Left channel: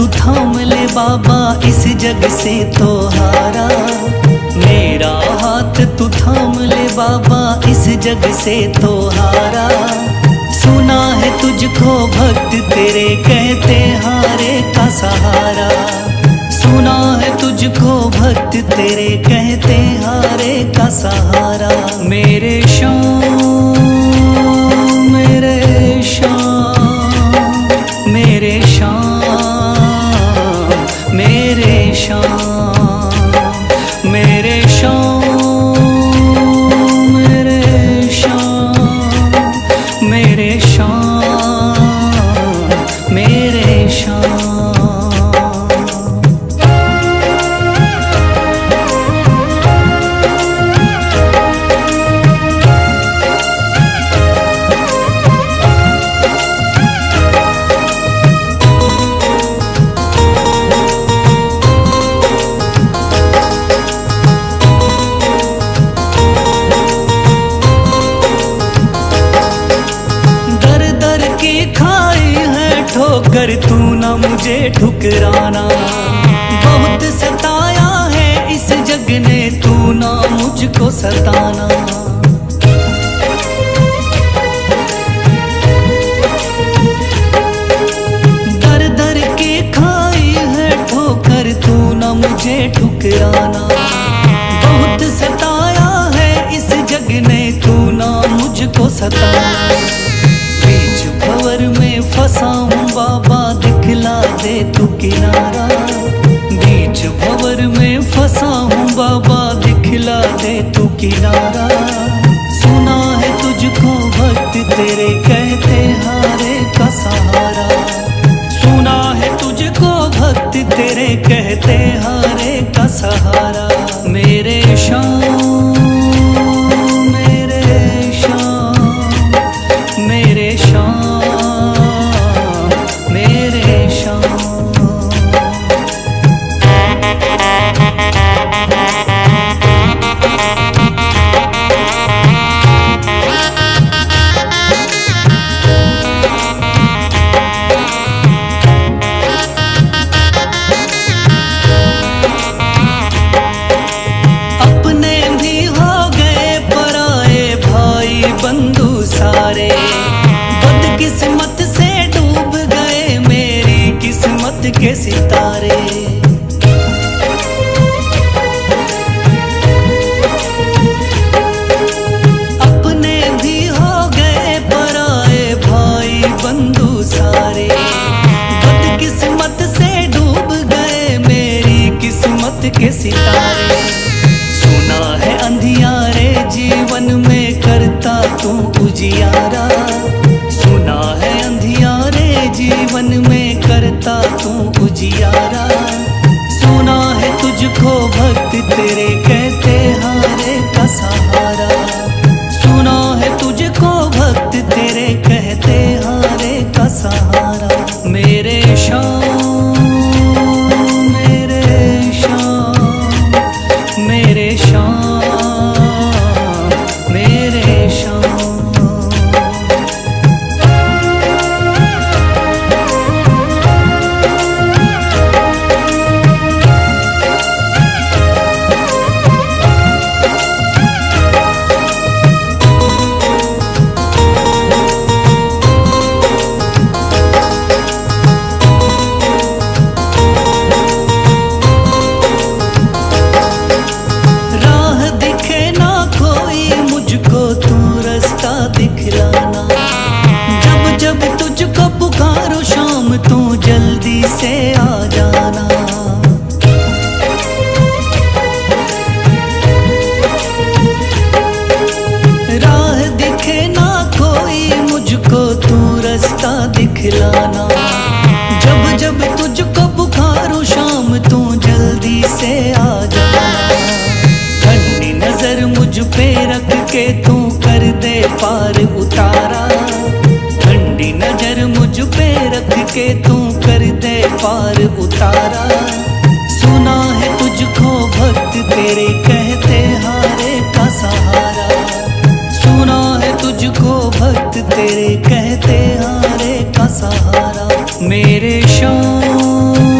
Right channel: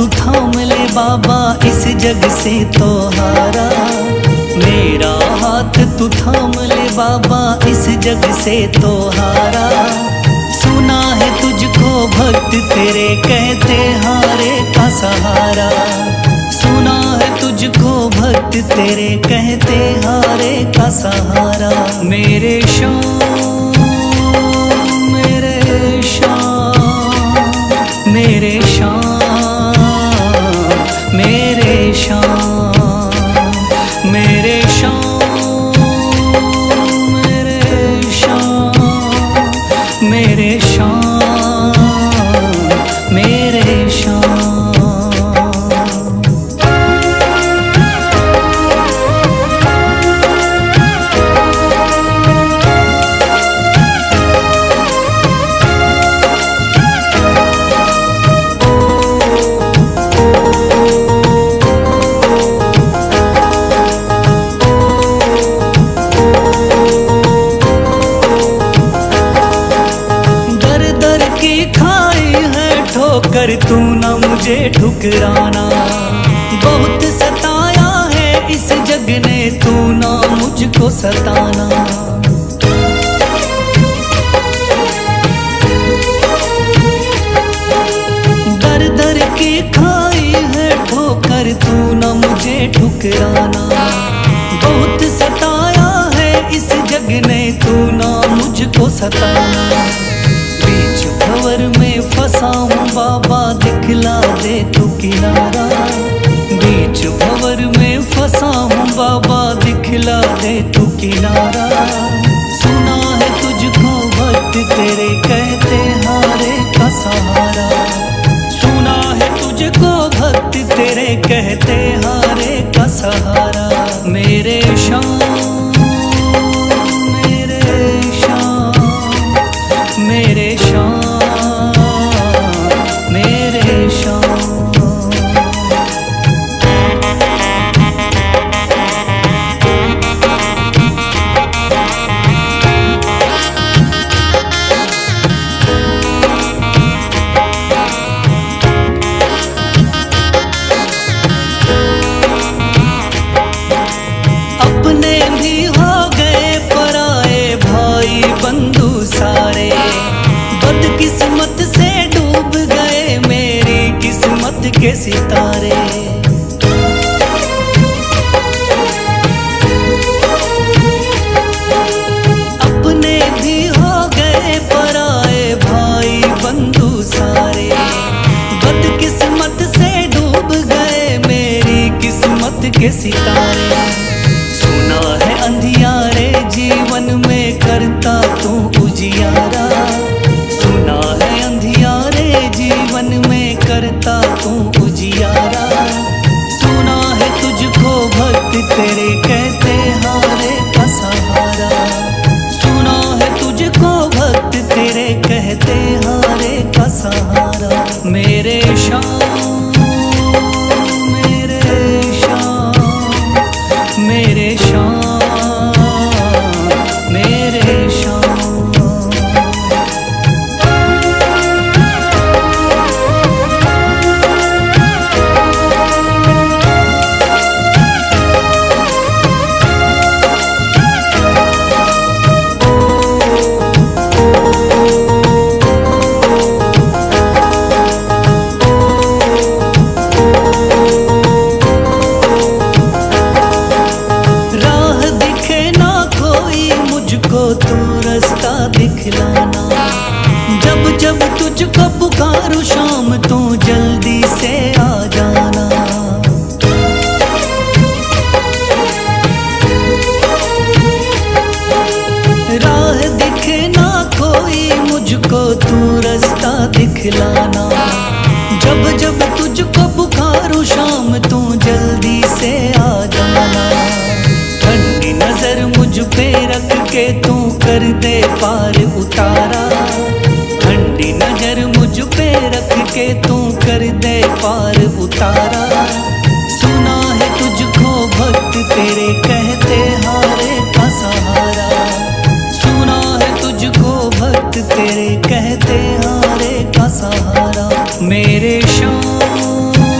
तू थाम ले बाबा, इस जग से तो हारा। मेरा हाथ तू थाम ले बाबा, इस जग से तो हारा। सुना है तुझको भक्त तेरे कहते हारे का सहारा। सुना है तुझको भक्त तेरे कहते हारे का सहारा। मेरे श्याम मेरे श्याम मेरे श्याम मेरे श्याम मेरे श्याम मेरे श्याम मेरे श्याम मेरे श्याम। दर की खाई है ठोकर, तू ना मुझे ठुकराना। बहुत सताया है इस जग ने, तू ना मुझको सताना। दर दर की खाई है ठोकर, तू ना मुझे ठुकराना। बहुत सताया है इस जग ने, तू ना मुझको सताना। बीच भंवर में फंसा हूँ बाबा, दिखला दे तू किनारा। बीच भंवर में फंसा हूँ बाबा, दिखला दे तू किनारा। सुना है तुझको भक्त तेरे कहते हारे का सहारा। सुना है तुझको भक्त तेरे कहते हारे का सहारा। मेरे श्याम मेरे श्याम मेरे श्याम मेरे श्याम। अपने भी हो गए पराए भाई बंधु सारे। बदकिस्मत से डूब गए मेरी किस्मत के सितारे। अपने भी हो गए पराए भाई बंधु सारे। बदकिस्मत से डूब गए मेरी किस्मत के सितारे। सुना है अंधियारे जीवन में करता तू उजियारा। सुना है अंधियारे जीवन में करता तू उजियारा। सुना है तुझको भक्त तेरे कहते हारे का सहारा। सुना है तुझको भक्त तेरे कहते हारे का सहारा। मेरे श्याम मेरे श्याम मेरे श्याम मेरे श्याम। राह दिखे ना कोई मुझको, तू रास्ता दिखलाना। जब जब तुझको पुकारूं शाम, तू जल्दी से आ जाना। राह दिखे ना कोई मुझको, तू रास्ता दिखलाना। जब जब तुझको पुकारूं शाम, तू जल्दी से आ जाना। ठंडी नजर मुझ पे रख के तू कर दे पार उतारा। ठंडी नजर मुझ पे रख के तू कर दे पार उतारा। सुना है तुझको भक्त तेरे कहते हारे का सहारा। सुना है तुझको भक्त तेरे कहते हारे का सहारा। मेरे श्याम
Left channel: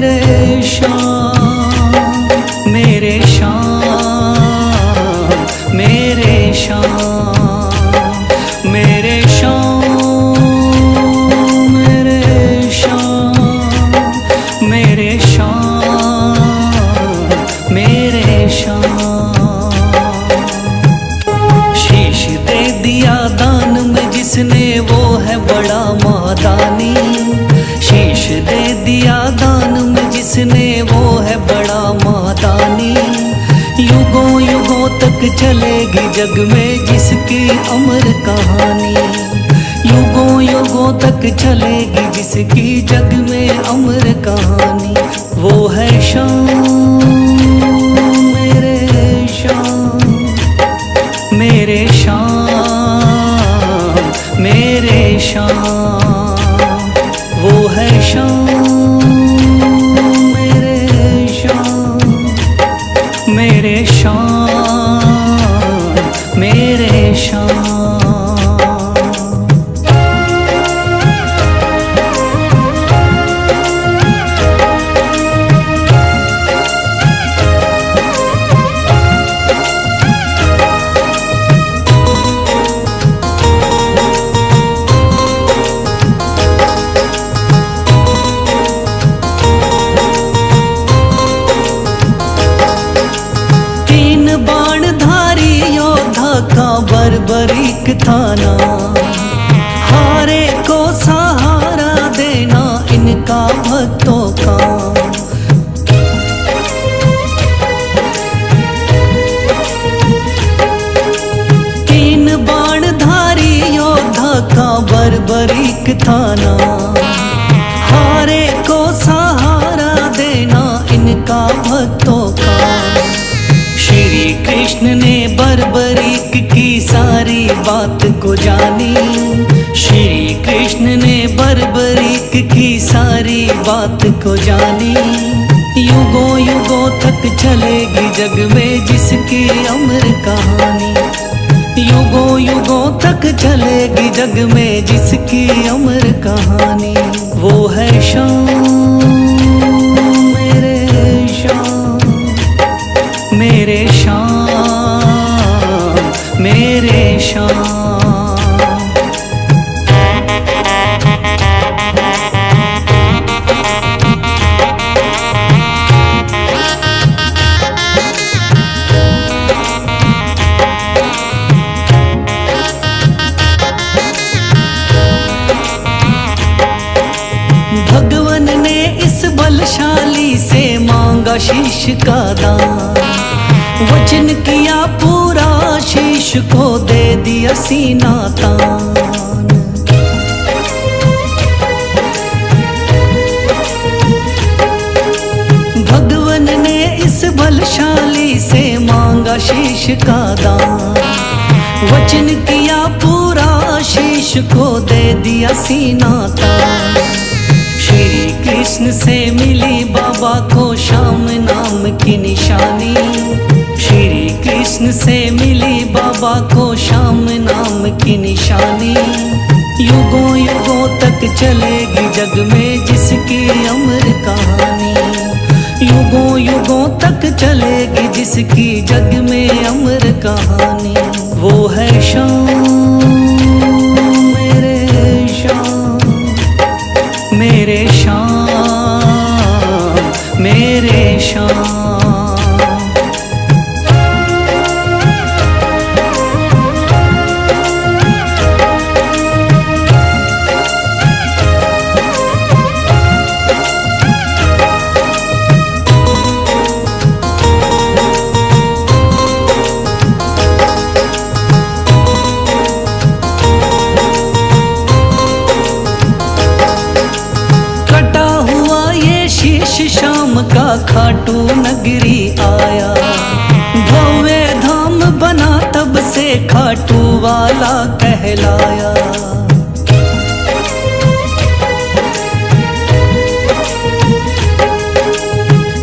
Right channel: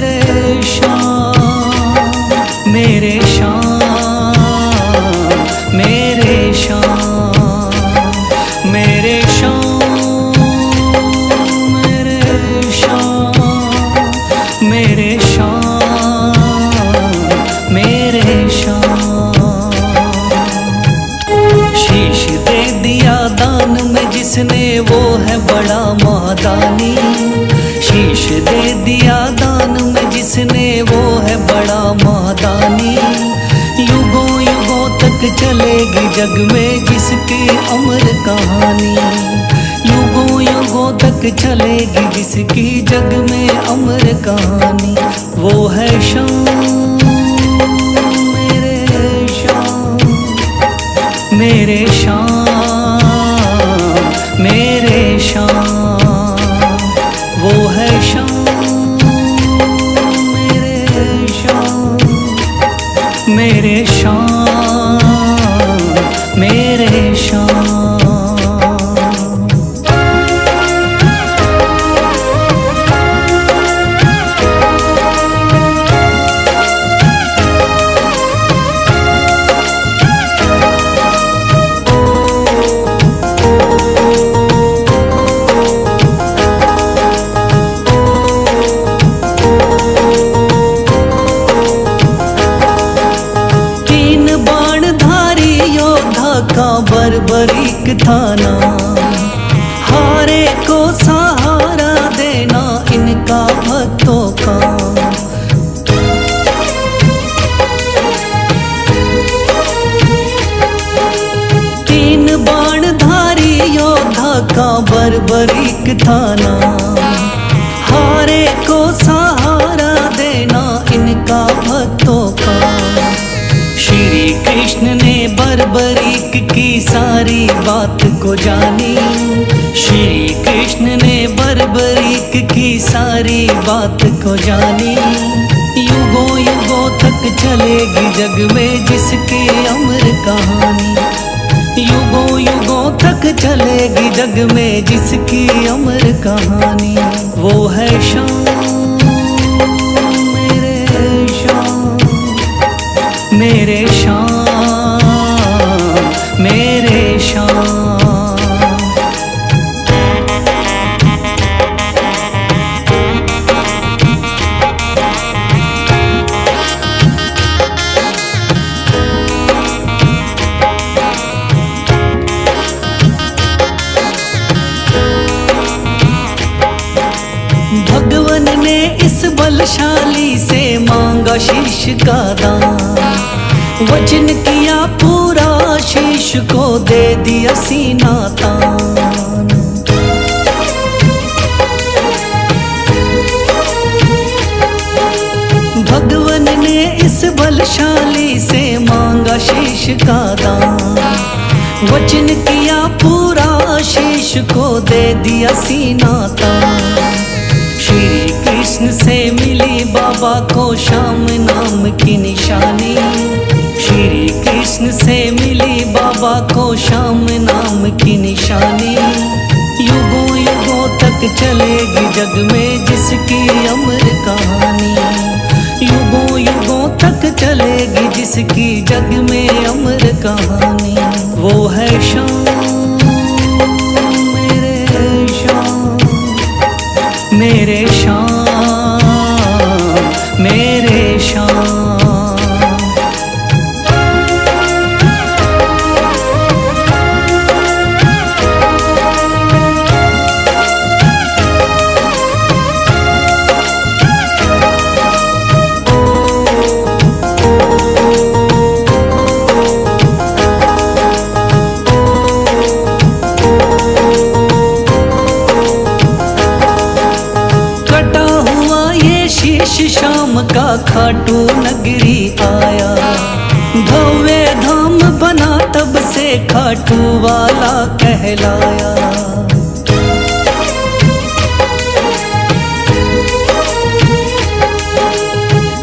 मेरे श्याम, मेरे श्याम, मेरे श्याम, मेरे श्याम, मेरे श्याम, मेरे श्याम, मेरे श्याम। शीश दे दिया दान में जिसने वो है बड़ा मादानी। शीश दे दिया दान में जिसने वो है बड़ा मादानी। युगों युगों तक चलेगी जग में जिसकी अमर कहानी। युगों युगों तक चलेगी जिसकी जग में अमर कहानी। वो है श्याम, मेरे श्याम, मेरे श्याम, मेरे श्याम। वो है श्याम, मेरे श्याम, मेरे श्याम, मेरे श्याम। तीन बाणधारी योद्धा का बर्बरीक था नाम। हारे को सहारा देना इनका भक्तों का। तीन बाणधारी योद्धा का बर्बरीक था नाम। हारे को सहारा देना इनका भक्तों का। श्री कृष्ण ने बर्बरीक की सारी बात को जानी। श्री कृष्ण ने बर्बरीक की सारी बात को जानी। युगों युगों तक चलेगी जग में जिसकी अमर कहानी। युगों युगों तक चलेगी जग में जिसकी अमर कहानी। वो है श्याम, मेरे श्याम, मेरे श्याम, मेरे श्याम। भगवन ने इस बलशाली से मांगा शीश का दान। वचन किया पूरा शीश को दे दिया सीना तान। भगवन ने इस बलशाली से मांगा शीश का दान। वचन किया पूरा शीश को दे दिया सीना तान। श्री कृष्ण से मिली बाबा को श्याम नाम की निशानी। श्री कृष्ण से मिली बाबा को श्याम नाम की निशानी। युगों युगों तक चलेगी जग में जिसकी अमर कहानी। युगों युगों तक चलेगी जिसकी जग में अमर कहानी। वो है श्याम, मेरे श्याम, मेरे श्याम, मेरे श्याम। कटा हुआ ये शीश शाम का खाटू नगरी आया। भव्य धाम बना तब से खाटू वाला कहलाया।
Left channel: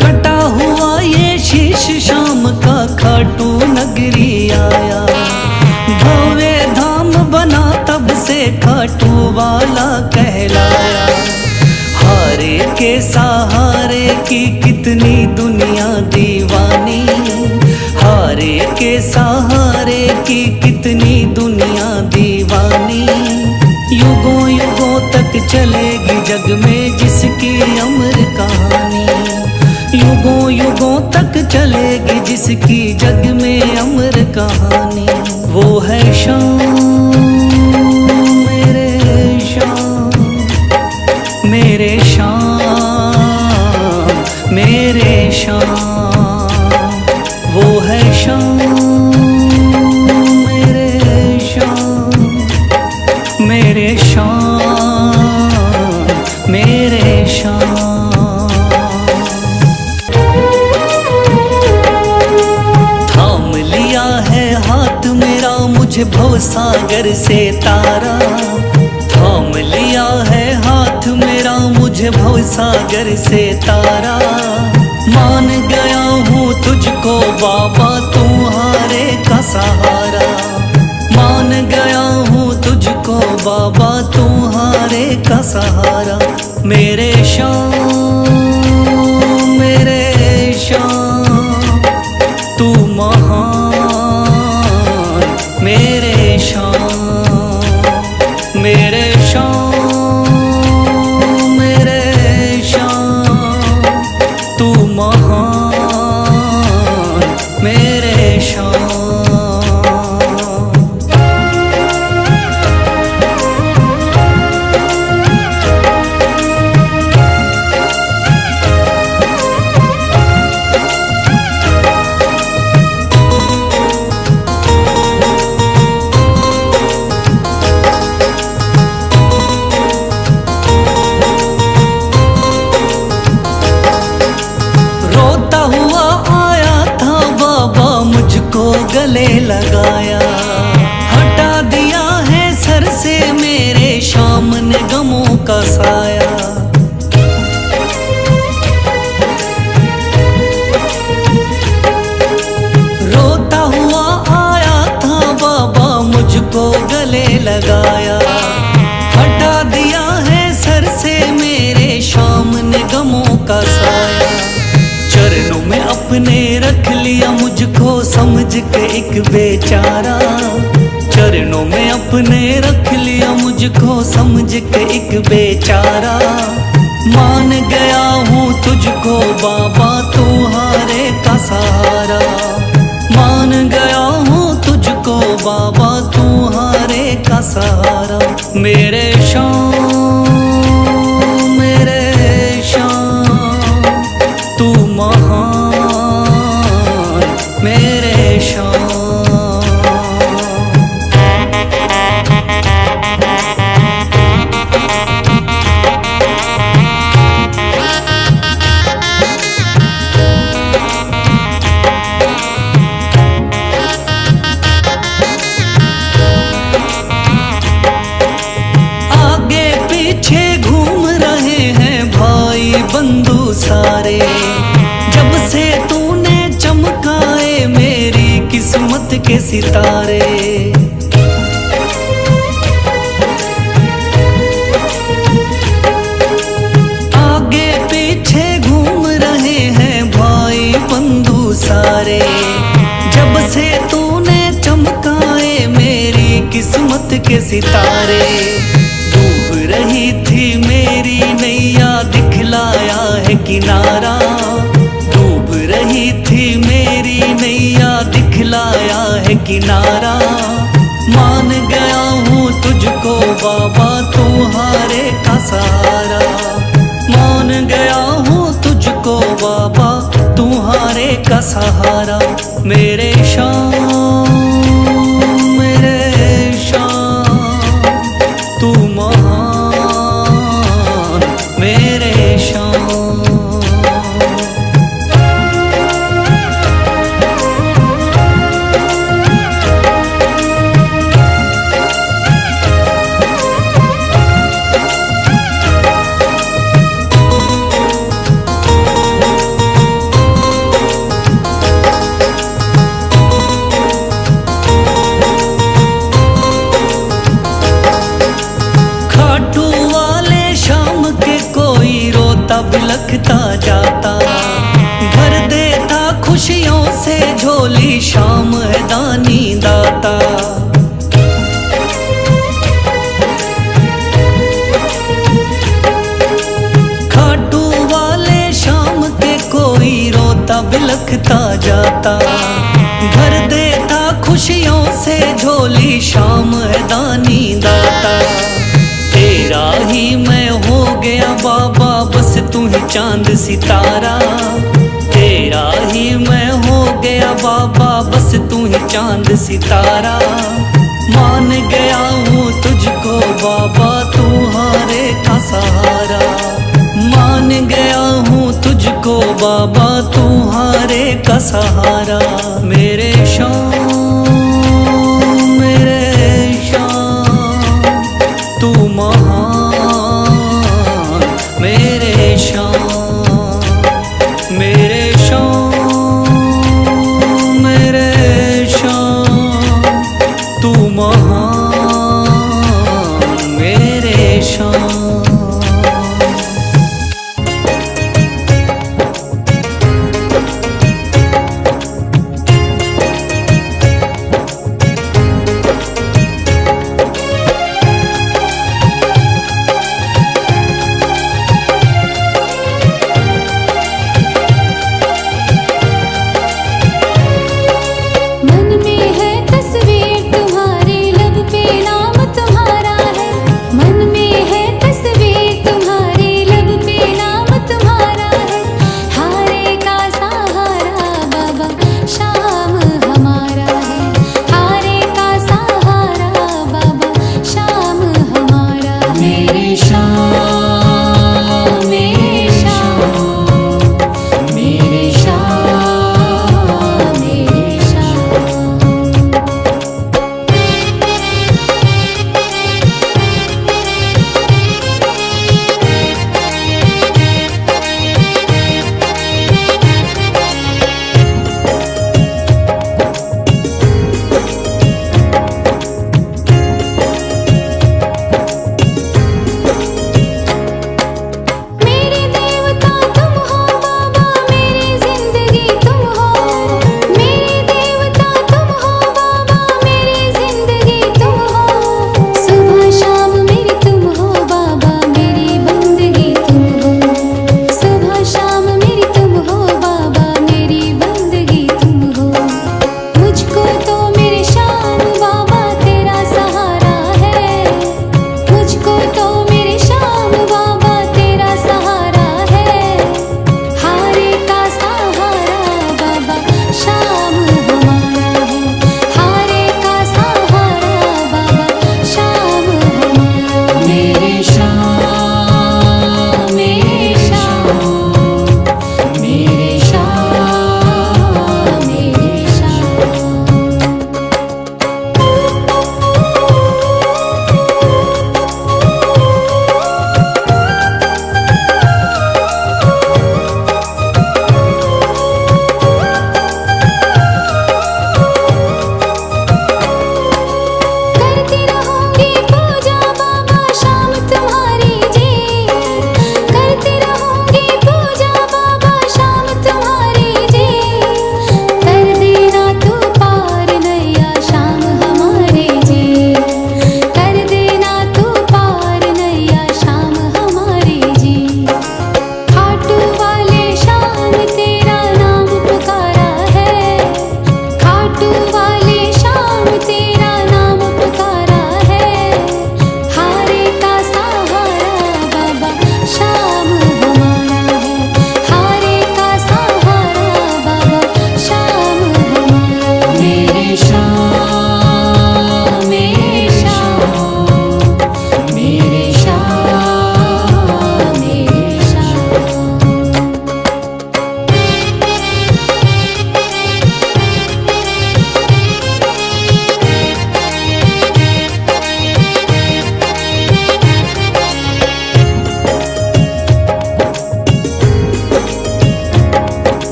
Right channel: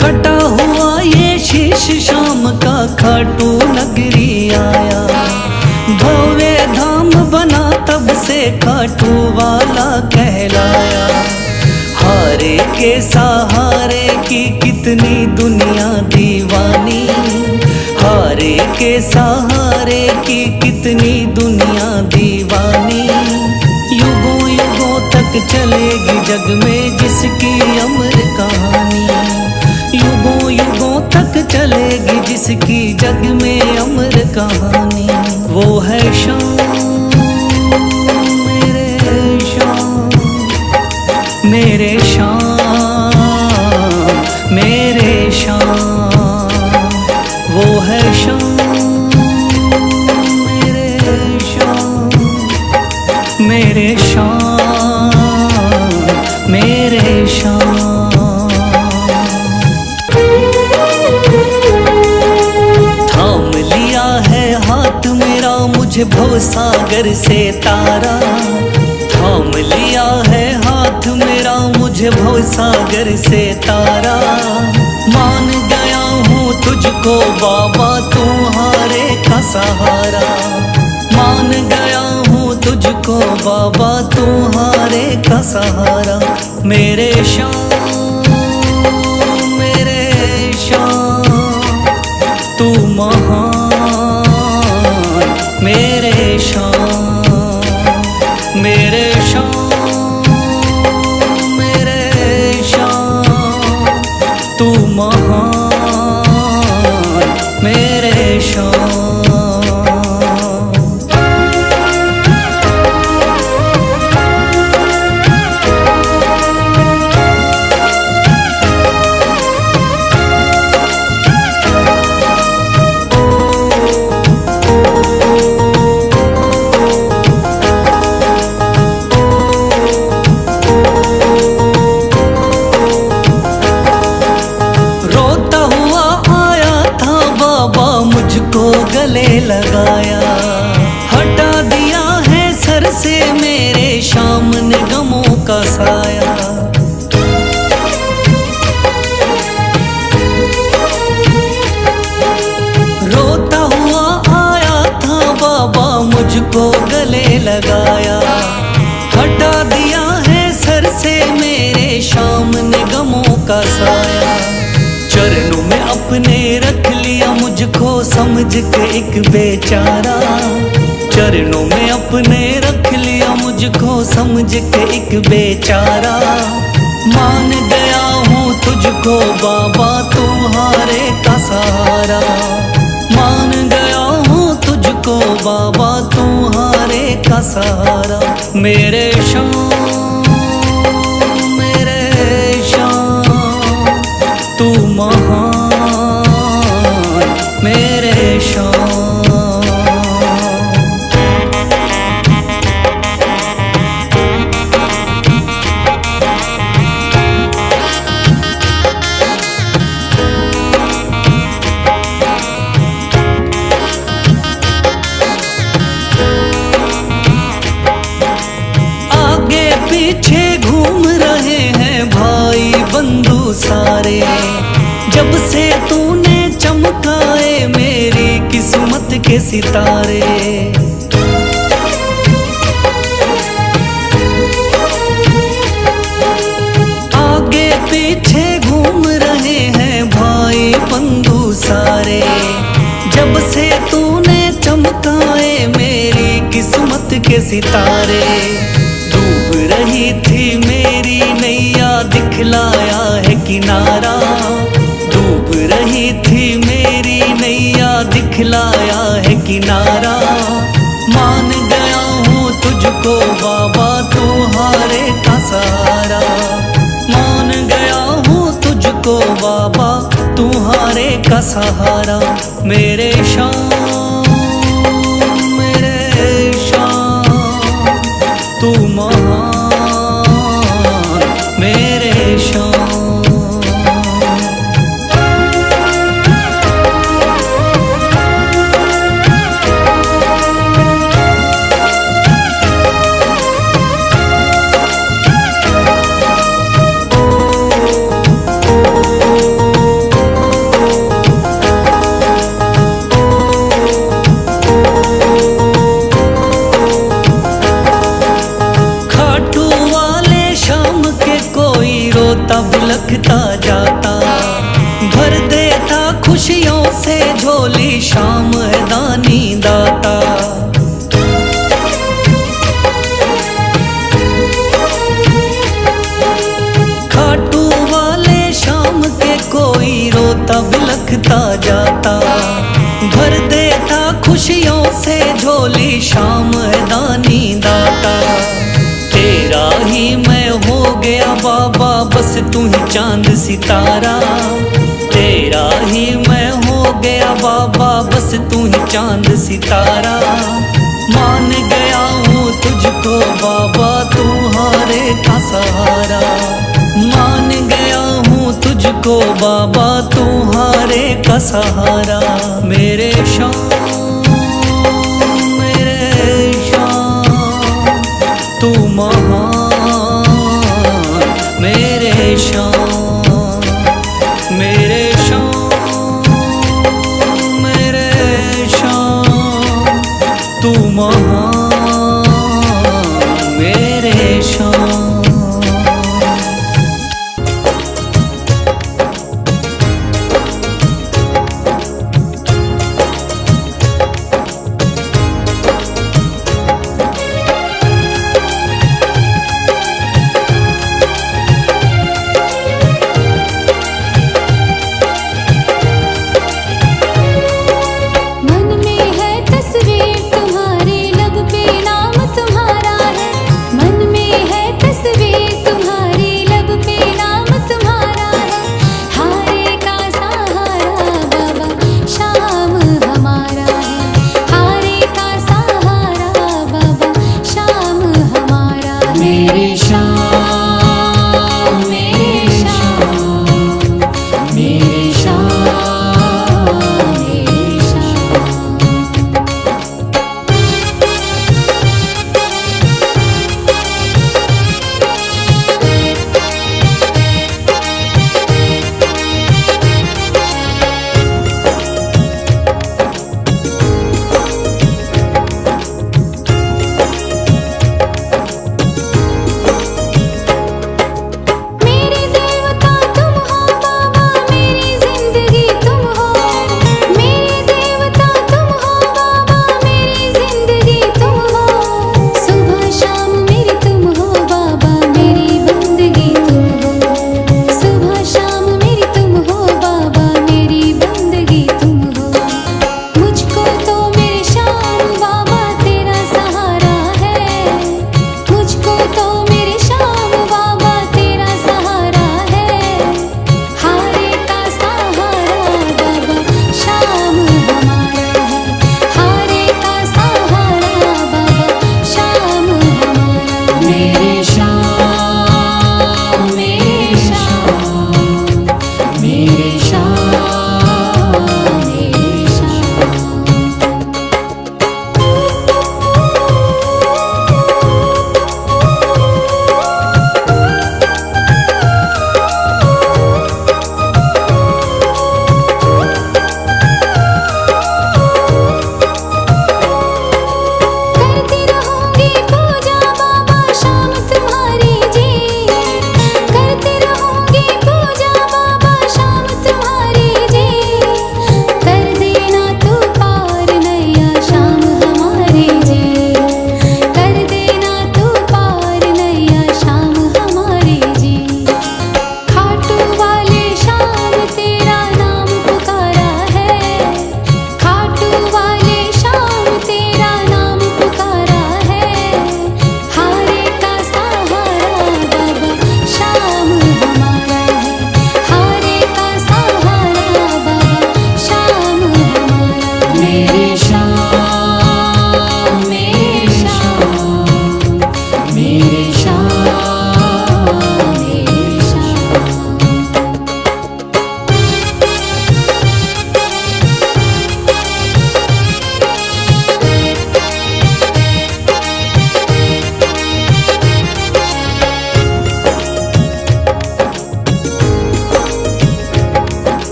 कटा हुआ ये शीश शाम का खाटू नगरी आया। भव्य धाम बना तब से खाटू वाला कहलाया। हारे के सहारे की कितनी दुनिया दीवानी, हारे के सहारे की कितनी दुनिया दीवानी। युगों युगों तक चलेगी जग में जिसकी अमर कहानी, युगों युगों तक चलेगी जिसकी जग में अमर कहानी। वो है शाम मेरे शाम, मेरे शाम मेरे शाम। वो है शाम मेरे शाम, मेरे शाम मेरे शाम। थाम लिया है हाथ मेरा मुझे भवसागर से तारा, थाम लिया है हाथ मेरा मुझे भवसागर से तारा। मान गया हूँ तुझको बाबा तुम्हारे का सहारा, मान गया हूँ तुझको बाबा तुम्हारे का सहारा। मेरे शाम मेरे शाम तू महान, मेरे शाम मेरे शाम मेरे शाम तू महान, मेरे शाम। रोता हुआ आया था बाबा मुझको गले लगाया, हटा दिया है सर से मेरे शाम ने गमों का साया। रोता हुआ आया था बाबा मुझको गले लगाया, हटा दिया है सर से मेरे शाम ने गमों का साया। चरणों में अपने रख लिया मुझको समझ के एक बेचारा, चरणों में अपने रख लिया मुझको समझ के एक बेचारा। मान गया हूँ तुझको बाबा तुम्हारे का सहारा, मान गया हूँ तुझको बाबा तुम्हारे का सहारा। मेरे शाम मेरे शाम तू महान, मेरे शाम। आगे पीछे घूम रहे हैं भाई बंधु सारे, जब से तूने चमकाए मेरी किस्मत के सितारे। आगे पीछे घूम रहे हैं भाई बंधु सारे, जब से तूने चमकाए मेरी किस्मत के सितारे। डूब रही थी मेरी नैया दिखलाया है किनारा, डूब रही थी मेरी नैया दिखलाया है किनारा। मान गया हूँ तुझको बाबा तुम्हारे का सहारा, मान गया हूँ तुझको बाबा तुम्हारे का सहारा। मेरे शाम मेरे शाम तू महान, मेरे शाम। खाटू वाले शाम के कोई रोता बिलखता जाता। भर देता खुशियों से झोली शाम है दानी दाता। खाटू वाले शाम के कोई रोता बिलखता जाता। भर देता खुशियों से झोली शाम है दानी दाता। तेरा ही मैं हो गया बाबा बस तू ही चांद सितारा। तेरा ही मैं हो गया बाबा बस तू ही चांद सितारा। मान गया हूँ तुझको बाबा तू हारे का सहारा। मान गया हूँ तुझको बाबा तू हारे का सहारा। मेरे शाम तू महान मेरे शाम। मेरे शाम तू महान मेरे शाम।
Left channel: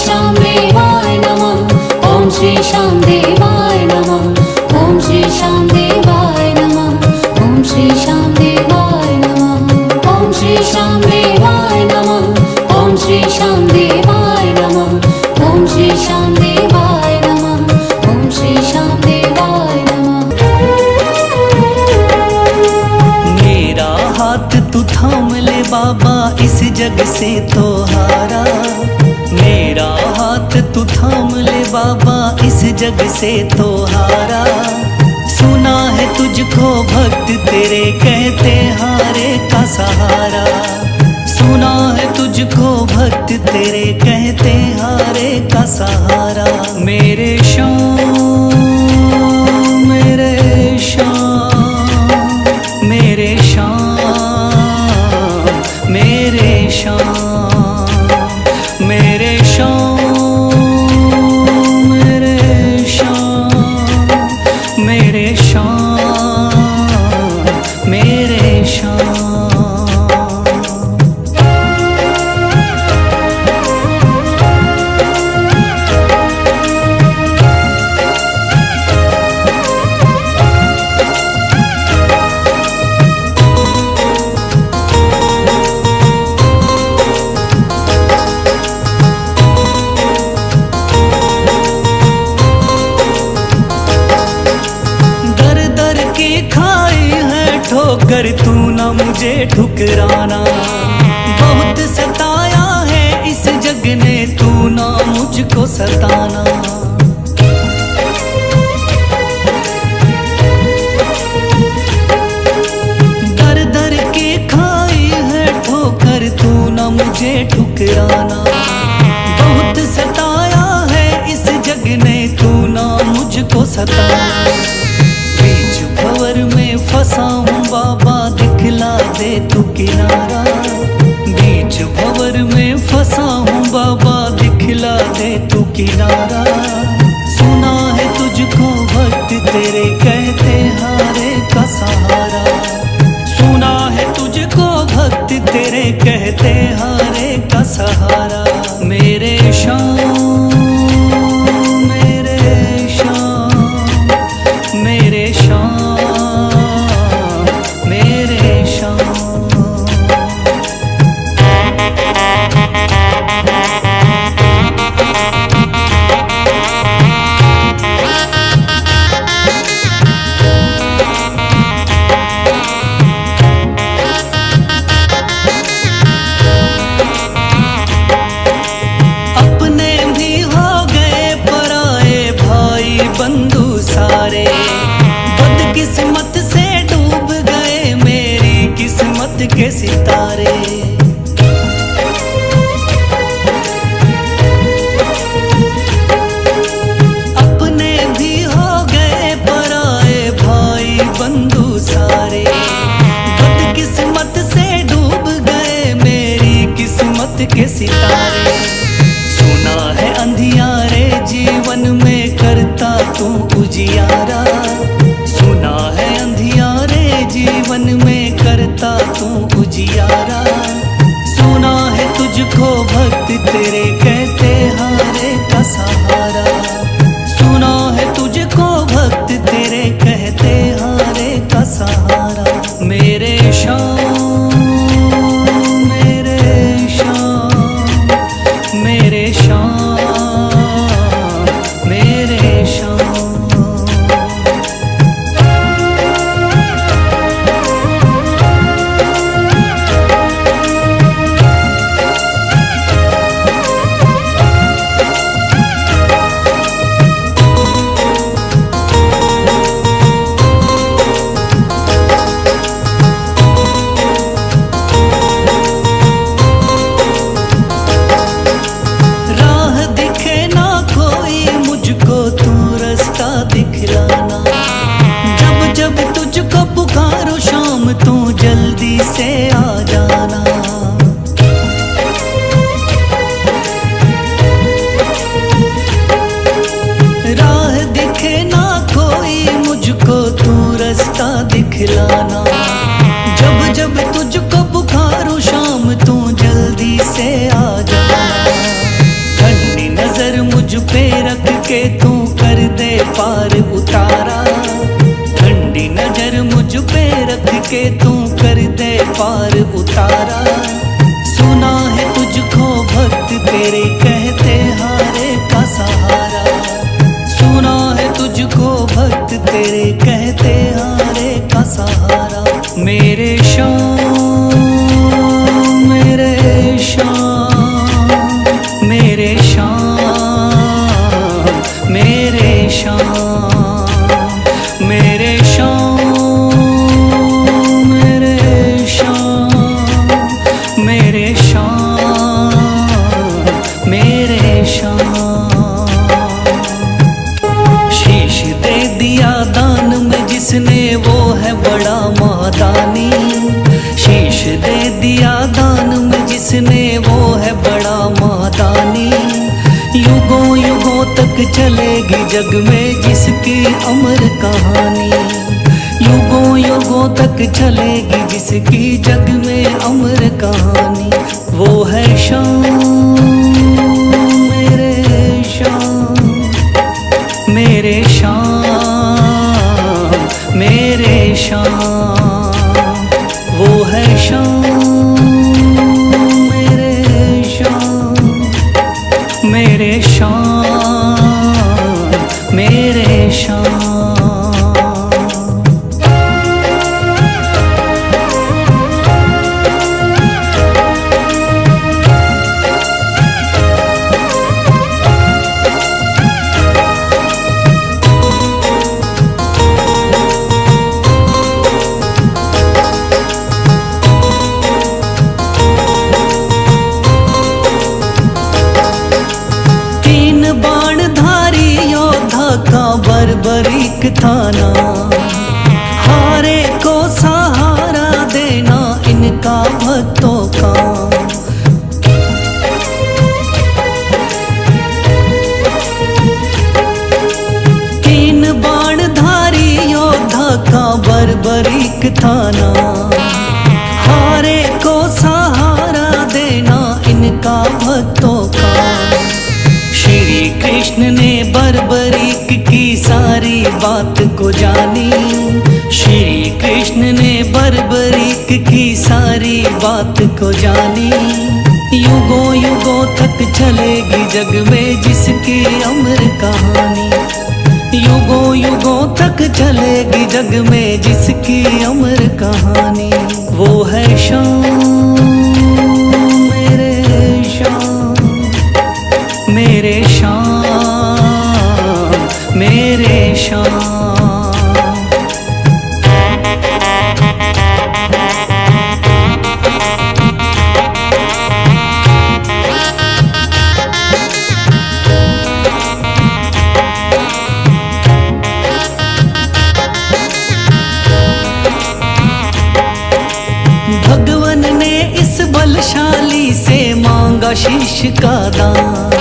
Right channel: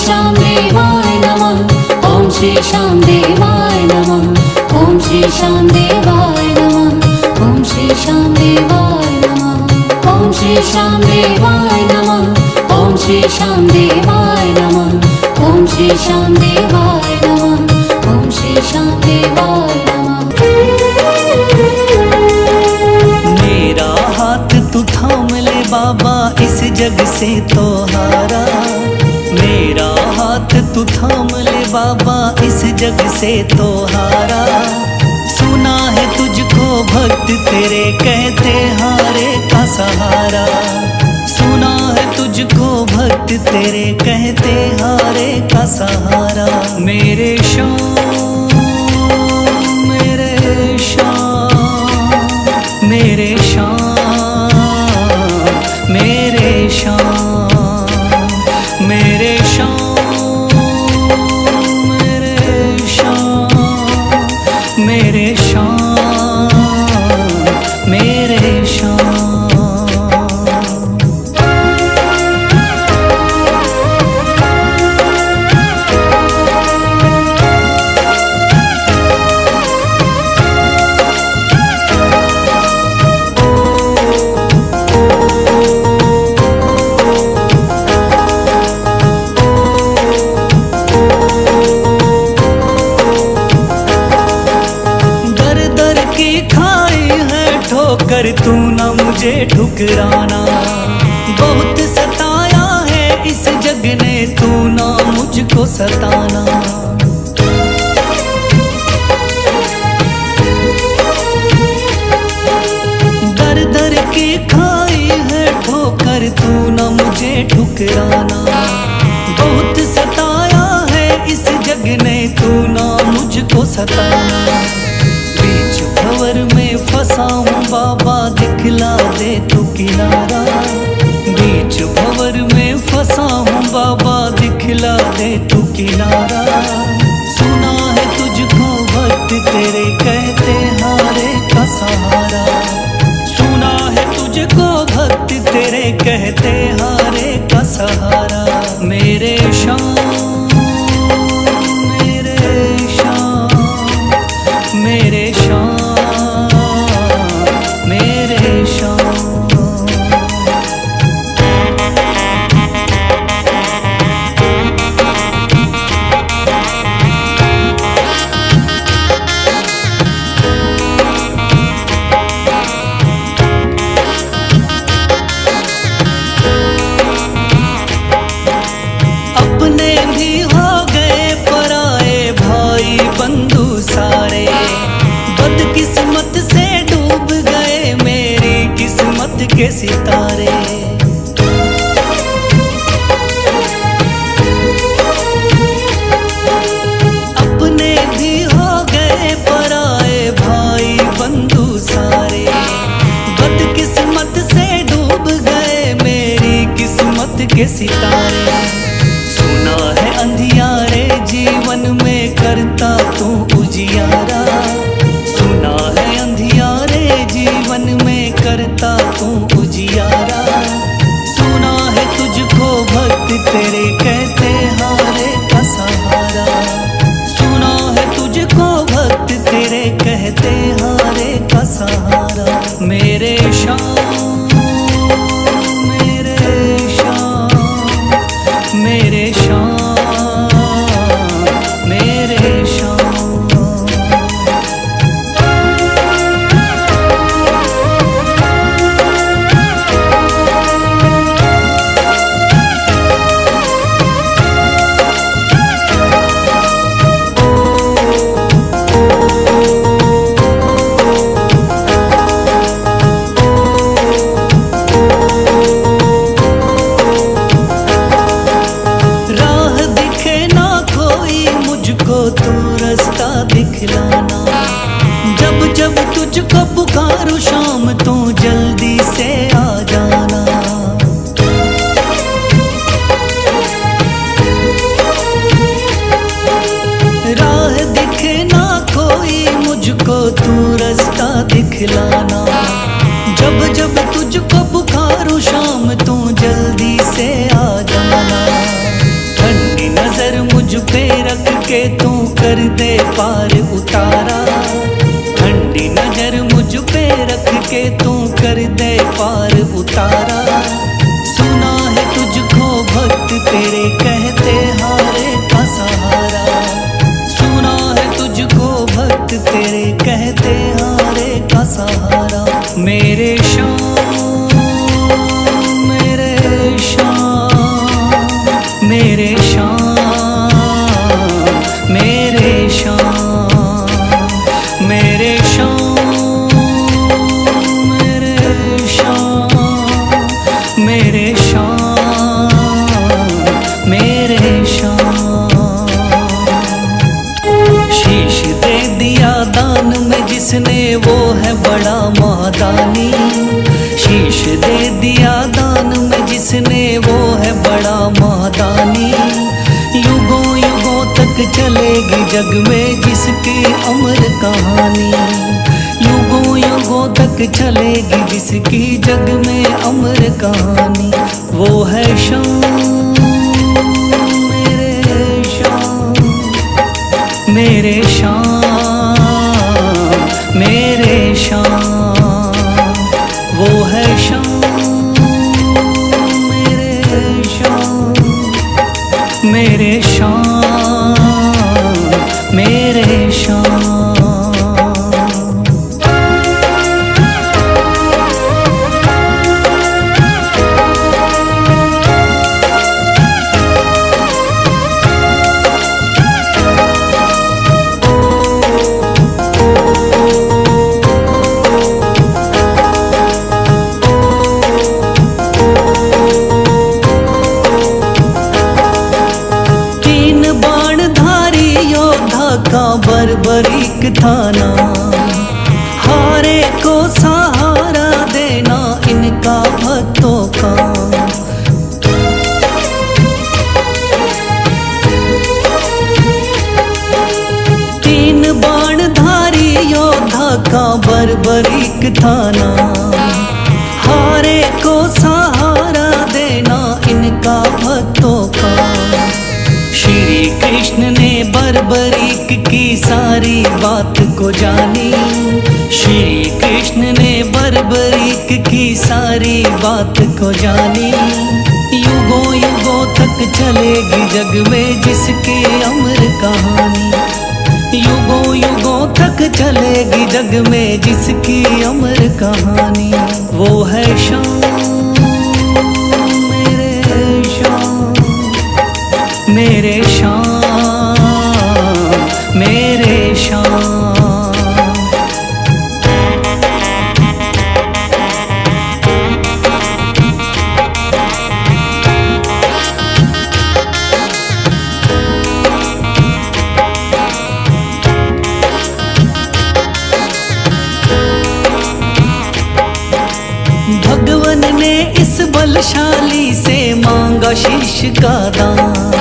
श्याम देवाय नमः। ओम श्री श्याम देवाय नमः। ओम श्री श्याम देवाय नमः। ओम श्री श्याम देवाय नमः। ओम श्री श्याम देवाय नमः। ओम श्री श्याम देवाय नमः। ओम श्री श्याम देवाय नमः। ओम श्री श्याम देवाय नमः। मेरा हाथ तू थाम ले बाबा, इस जग से तो हारा। मेरा हाथ तू थाम ले बाबा, इस जग से तो हारा। सुना है तुझको भक्त तेरे कहते हारे का सहारा। सुना है तुझको भक्त तेरे कहते हारे का सहारा। मेरे श्याम मेरे श्याम मेरे श्याम मेरे श्याम मेरे श्याम मेरे श्याम मेरे श्याम मेरे श्याम। दर की खाई है ठोकर, तू ना मुझे ठुकराना। बहुत सताया है इस जग ने, तू ना मुझको सताना। दर दर की खाई है ठोकर, तू ना मुझे ठुकराना। बहुत सताया है इस जग ने, तू ना मुझको सताना। बीच भंवर में फंसा हूँ बाबा, दिखला दे तू किनारा। बीच भंवर में फंसा हूँ बाबा, दिखला दे तू किनारा। सुना है तुझको भक्त तेरे कहते हारे का सहारा। सुना है तुझको भक्त तेरे कहते हारे का सहारा। मेरे श्याम मेरे श्याम मेरे श्याम मेरे श्याम। अपने भी हो गए पराए भाई बंधु सारे। बदकिस्मत से डूब गए मेरी किस्मत के सितारे। अपने भी हो गए पराए भाई बंधु सारे। बदकिस्मत से डूब गए मेरी किस्मत के सितारे। सुना है अंधियारे जीवन में करता तू उजियारा। सुना है अंधियारे जीवन में करता तू उजियारा। सुना है तुझको भक्त तेरे कहते हारे का सहारा। सुना है तुझको भक्त तेरे कहते हारे का सहारा। मेरे श्याम मेरे श्याम मेरे श्याम मेरे श्याम। राह दिखे ना कोई मुझको, तू रास्ता दिखलाना। जब जब तुझको पुकारूं शाम, तू जल्दी से आ जाना। राह दिखे ना कोई मुझको, तू रास्ता दिखलाना। जब जब तुझको पुकारूं शाम, तू जल्दी से आ जाना। ठंडी मुझ पे रख के तू कर दे पार उतारा, ठंडी नजर मुझ पे रख के तू कर दे पार उतारा। सुना है तुझको भक्त तेरे कहते हारे का सहारा, सुना है तुझको भक्त तेरे कहते हारे का सहारा। मेरे श्याम मेरे श्याम मेरे श्याम मेरे श्याम मेरे श्याम मेरे श्याम मेरे श्याम मेरे श्याम। शीश दे दिया दान में जिसने वो है बड़ा महादानी, शीश दे दिया दान में जिसने वो है बड़ा महादानी। युगों युगों तक चलेगी जग में जिसकी अमर कहानी, युगों युगों तक चलेगी जिसकी जग में अमर कहानी। वो है श्याम मेरे श्याम मेरे श्याम मेरे श्याम। वो है श्याम मेरे श्याम मेरे श्याम मेरे श्याम। तीन बाणधारी योद्धा का बर्बरीक थाना, हारे को सहारा देना इनका भक्तों का। तीन बाणधारी योद्धा का बर्बरीक थाना, हारे को सहारा देना इनका भक्तों का। श्री कृष्ण ने बर्बरीक की सारी बात को जानी, श्री कृष्ण ने बर्बरीक की सारी बात को जानी। युगों युगों तक चलेगी जग में जिसकी अमर कहानी, युगों युगों तक चलेगी जग में जिसकी अमर कहानी। वो है श्याम मेरे श्याम मेरे श्याम मेरे श्याम। भगवन ने इस बलशाली से मांगा शीश का दान,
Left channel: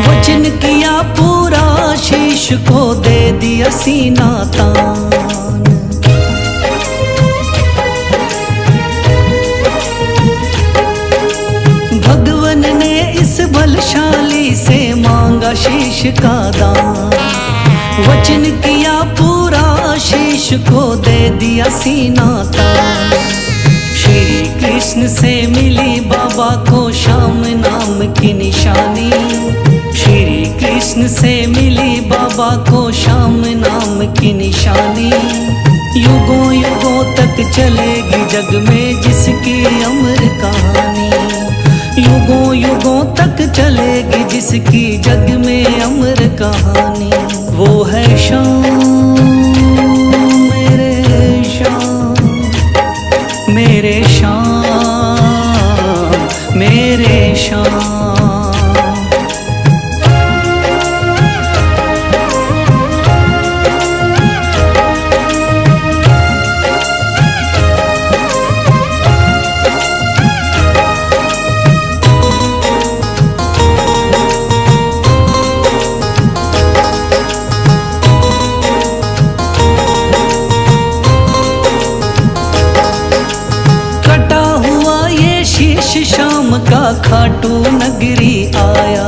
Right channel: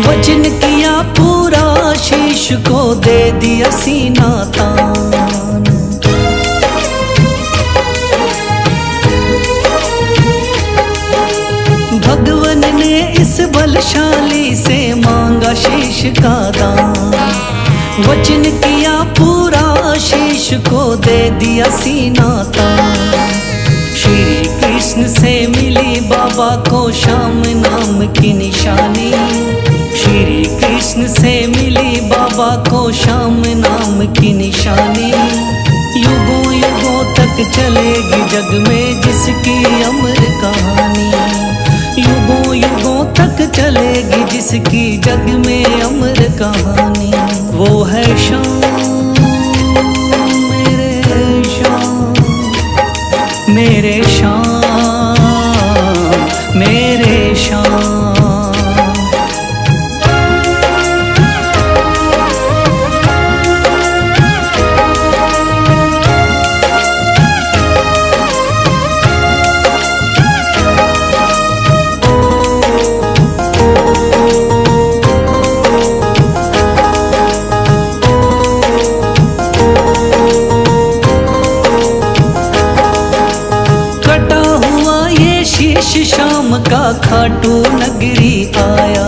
वचन किया पूरा शीश को दे दिया सीना तान। भगवन ने इस बलशाली से मांगा शीश का दान, वचन किया पूरा शीश को दे दिया सीना तान। श्री कृष्ण से मिली बाबा को श्याम नाम की निशानी, श्री कृष्ण से मिली बाबा को श्याम नाम की निशानी। युगों युगों तक चलेगी जग में जिसकी अमर कहानी, युगों युगों तक चलेगी जिसकी जग में अमर कहानी। वो है श्याम मेरे श्याम मेरे श्याम मेरे श्याम। कटा हुआ ये शीश शाम का खाटू नगरी आया,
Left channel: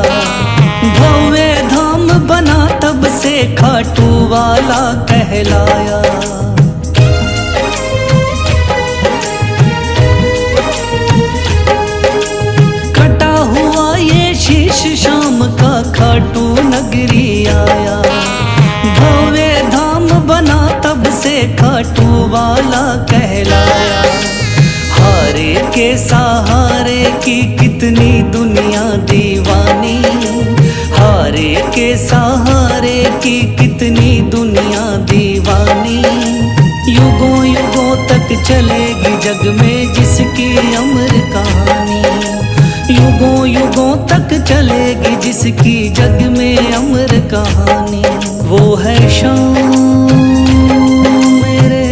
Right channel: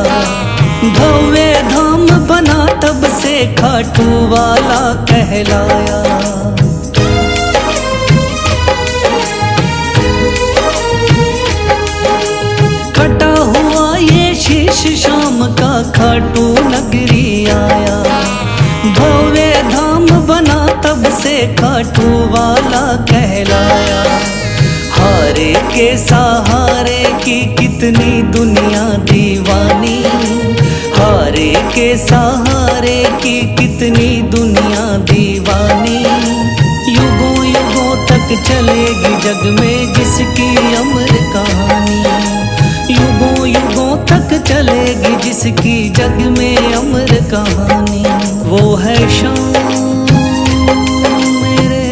भव्य धाम बना तब से खाटू वाला कहलाया। कटा हुआ ये शीश शाम का खाटू नगरी आया। भव्य धाम बना तब से खाटू वाला कहलाया। हारे के सहारे की कितनी दुनिया दीवानी, हारे के सहारे की कितनी दुनिया दीवानी। युगों युगों तक चलेगी जग में जिसकी अमर कहानी, युगों युगों तक चलेगी जिसकी जग में अमर कहानी। वो है शाम मेरे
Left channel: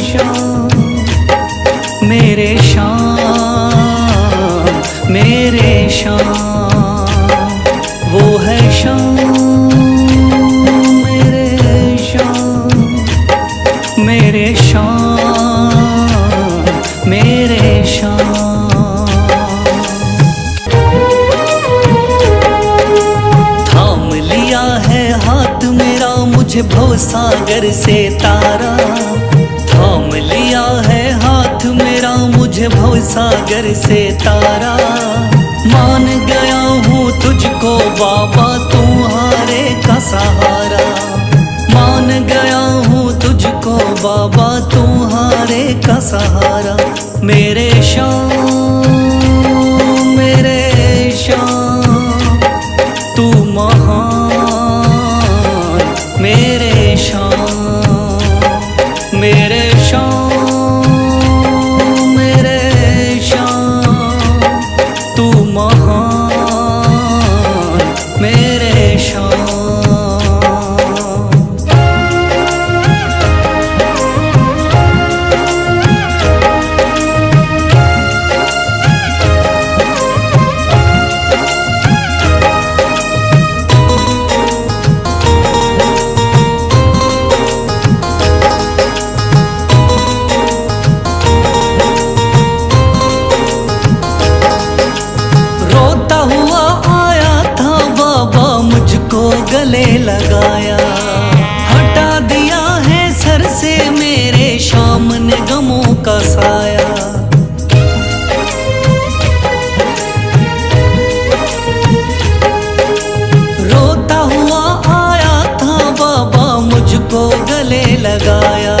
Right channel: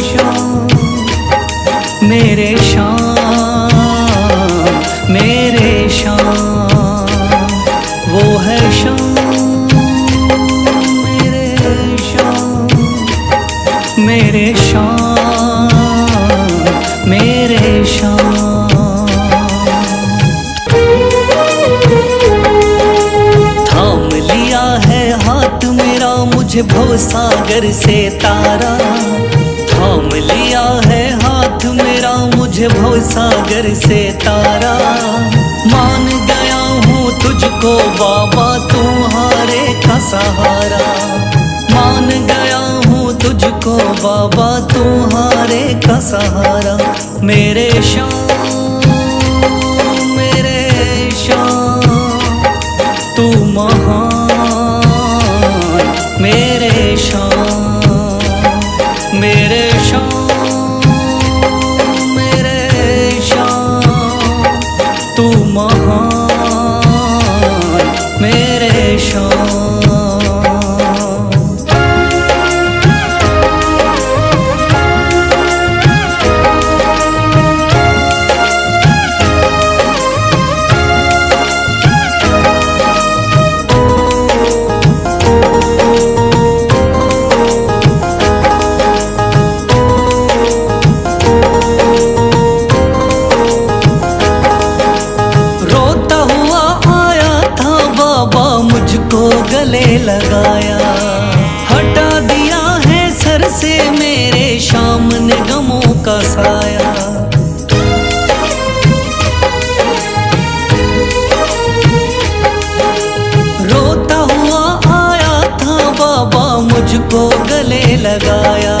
शाम, मेरे शाम मेरे शाम। वो है शाम मेरे शाम, मेरे शाम मेरे शाम। थाम लिया है हाथ मेरा मुझे भवसागर से तारा, थाम लिया है हाथ मेरा मुझे भवसागर से तारा। मान गया हूँ तुझको बाबा तुम्हारे का सहारा, मान गया हूँ तुझको बाबा तुम्हारे का सहारा। मेरे शाम मेरे शाम तू महान, मेरे शाम मेरे शाम मेरे शाम तू महान, मेरे शाम। रोता हुआ आया था बाबा मुझको गले लगाया, हटा दिया है सर से मेरे शाम ने गमों का साया। रोता हुआ आया था बाबा मुझको गले लगाया,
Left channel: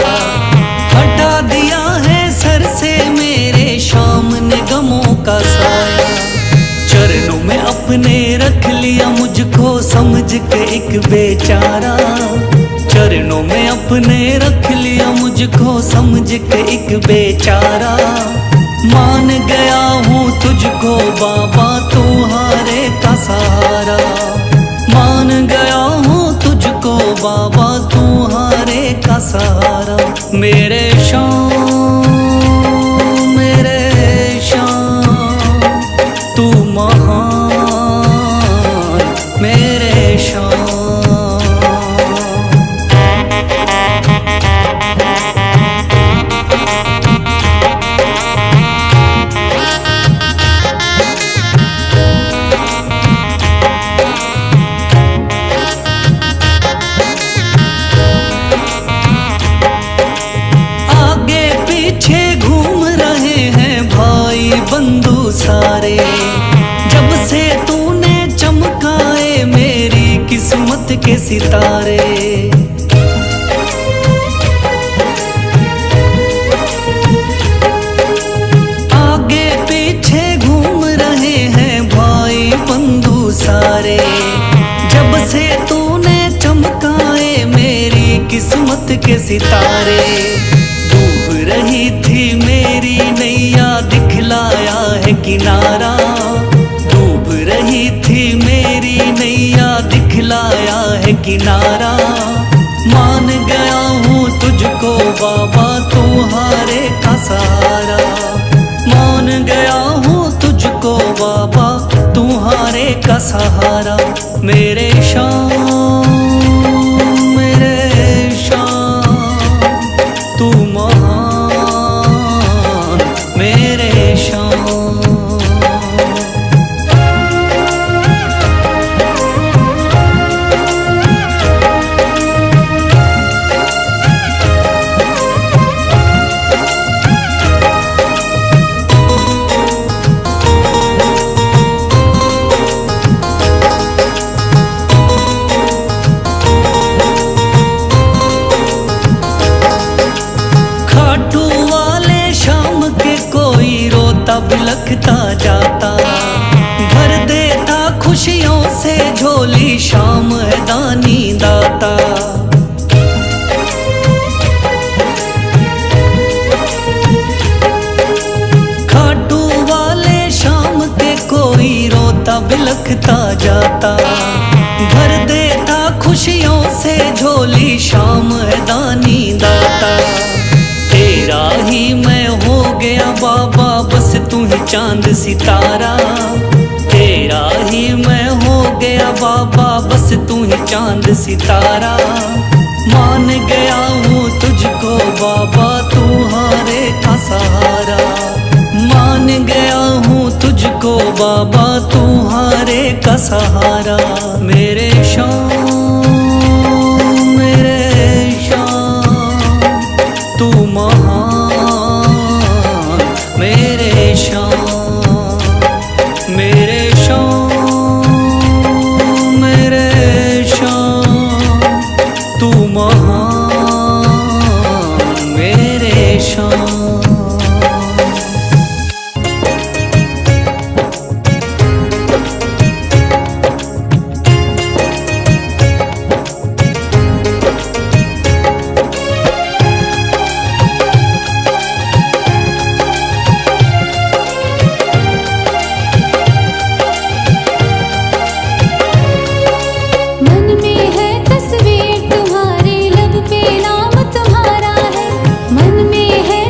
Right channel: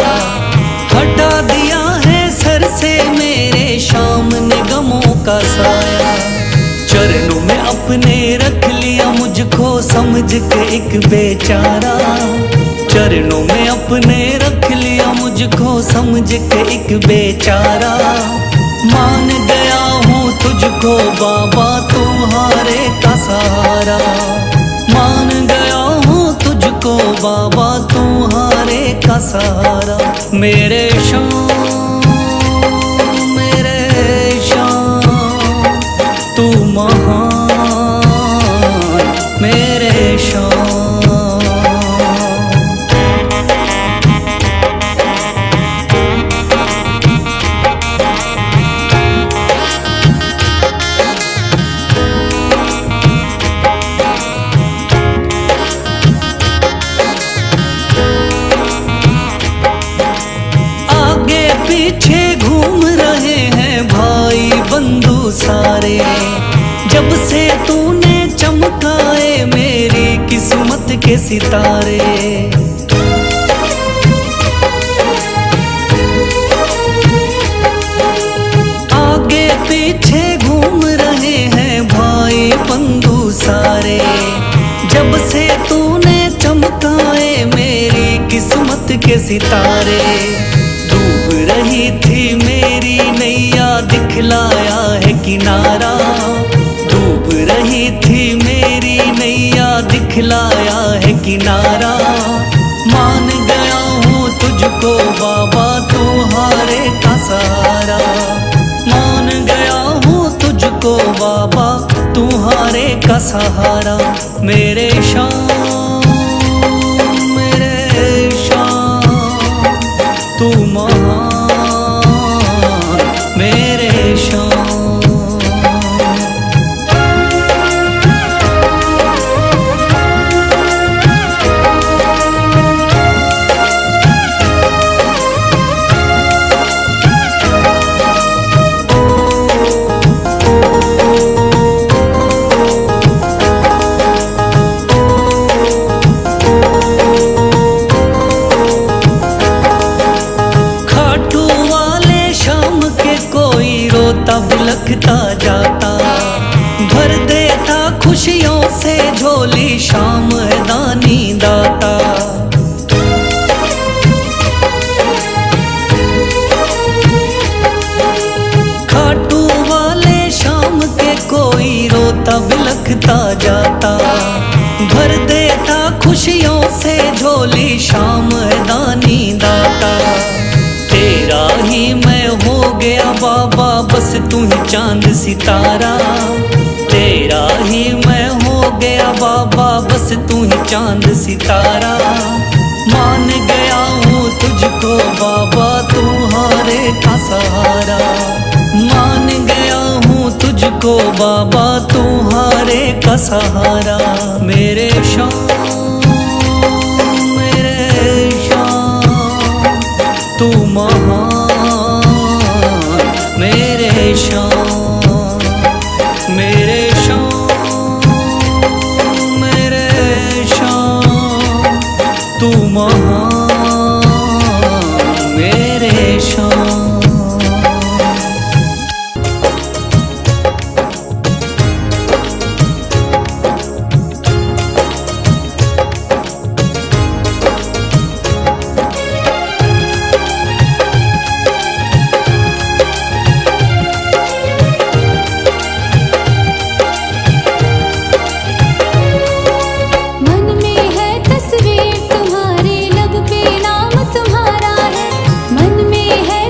हटा दिया है सर से मेरे शाम ने गमों का साया। चरणों में अपने रख लिया मुझको समझ के एक बेचारा, चरणों में अपने रख लिया मुझको समझ के एक बेचारा। मान गया हूँ तुझको बाबा तुम्हारे का सहारा, मान गया हूँ तुझको बाबा तुम्हारे का सहारा। मेरे शाम मेरे शाम तू महान, मेरे शाम। आगे पीछे घूम रहे हैं भाई बंधु सारे, जब से तूने चमकाए मेरी किस्मत के सितारे। आगे पीछे घूम रहे हैं भाई बंधु सारे, जब से तूने चमकाए मेरी किस्मत के सितारे। डूब रही थी मेरी नैया दिखलाया है किनारा, डूब रही थी मेरी नैया दिखलाया है किनारा। मान गया हूँ तुझको बाबा तुम्हारे का सहारा, मान गया हूँ तुझको बाबा तुम्हारे का सहारा। मेरे शाम मेरे शाम तू महान, मेरे शाम। कोई रोता बिलखता जाता, भर देता खुशियों से झोली शाम है दानी दाता। खाटू वाले शाम के कोई रोता बिलखता जाता, भर देता खुशियों से झोली शाम है दानी दाता। तेरा ही मैं हो गया बाबा बस तू ही चांद सितारा, तेरा ही मैं हो गया बाबा बस तू ही चांद सितारा। मान गया हूँ तुझको बाबा तू हारे का सहारा, मान गया हूँ तुझको बाबा तू हारे का सहारा। मेरे शाम तू महान, मेरे शाम मेरे शाम तू महान मेरे शाम। मन में है तस्वीर तुम्हारी, लब पे नाम तुम्हारा है। मन में है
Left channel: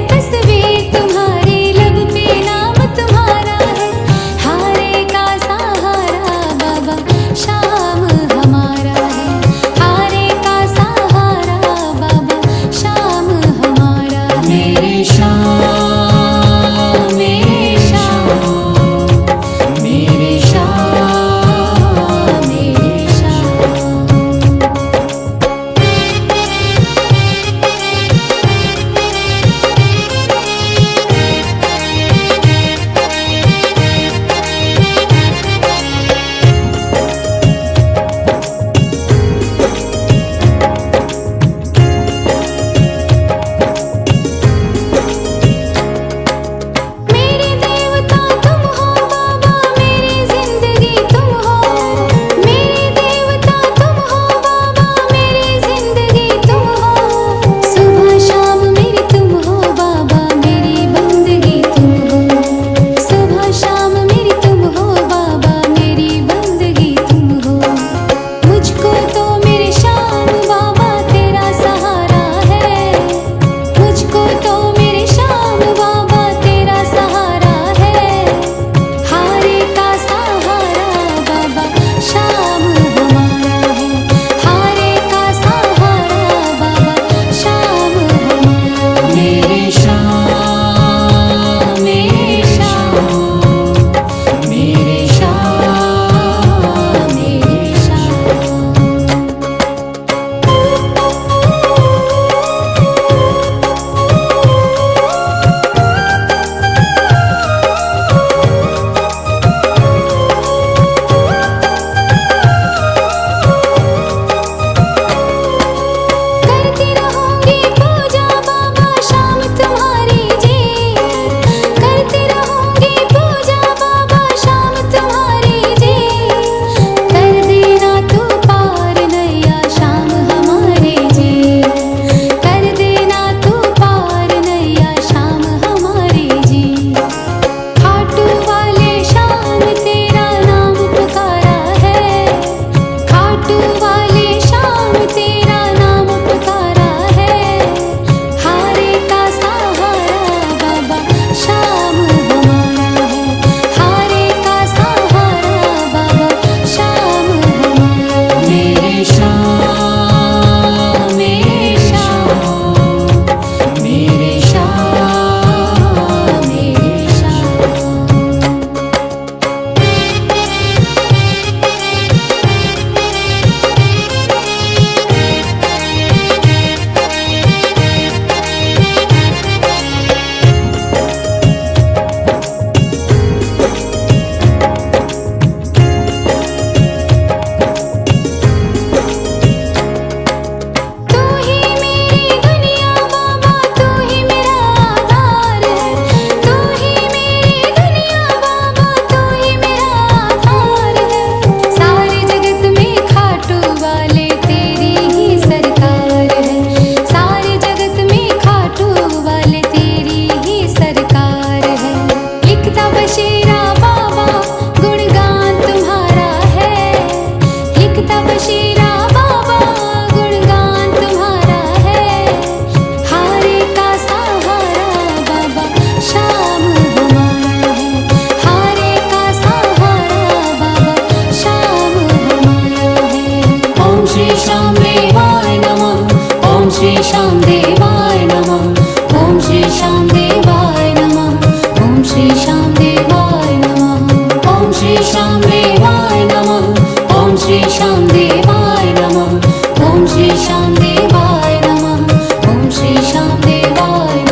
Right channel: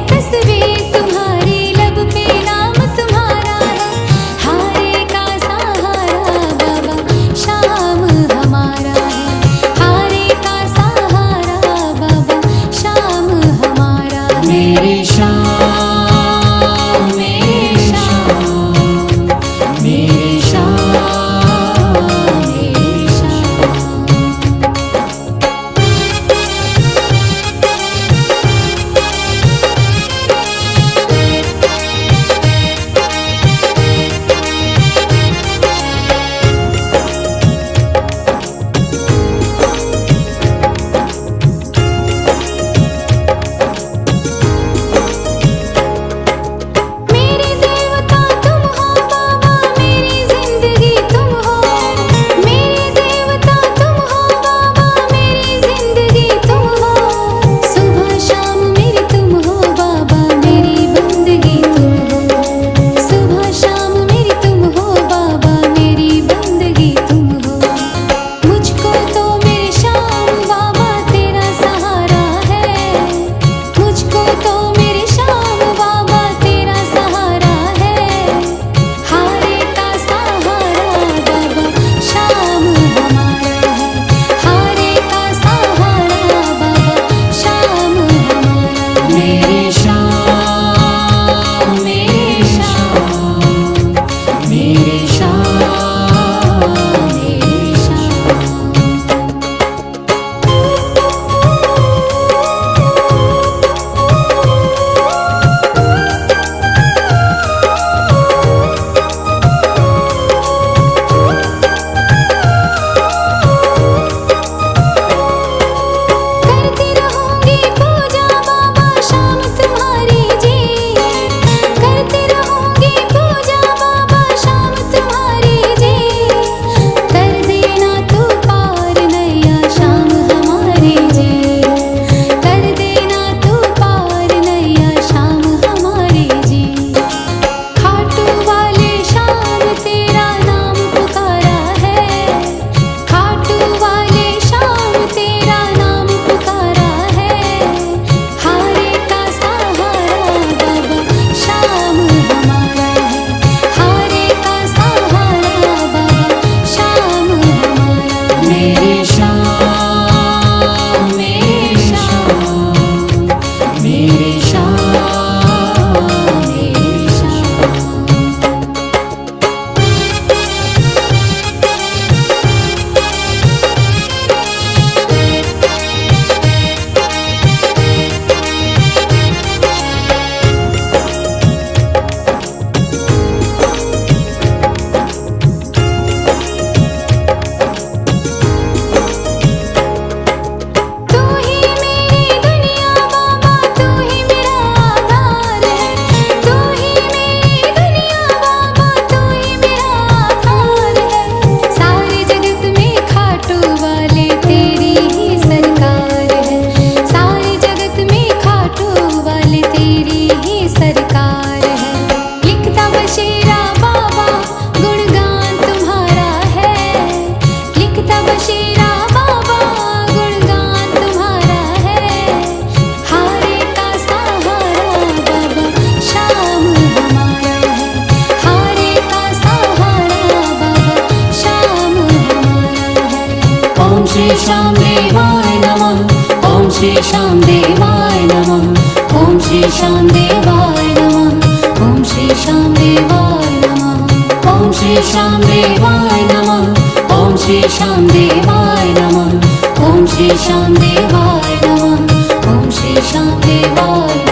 श्री श्याम देवाय नमः। ओम श्री श्याम देवाय नमः। ओम श्री श्याम देवाय नमः। ओम श्री श्याम देवाय नमः। ओम श्री श्याम देवाय नमः। ओम श्री श्याम देवाय नमः। ओम श्री श्याम देवाय नमः। ओम श्री श्याम देवाय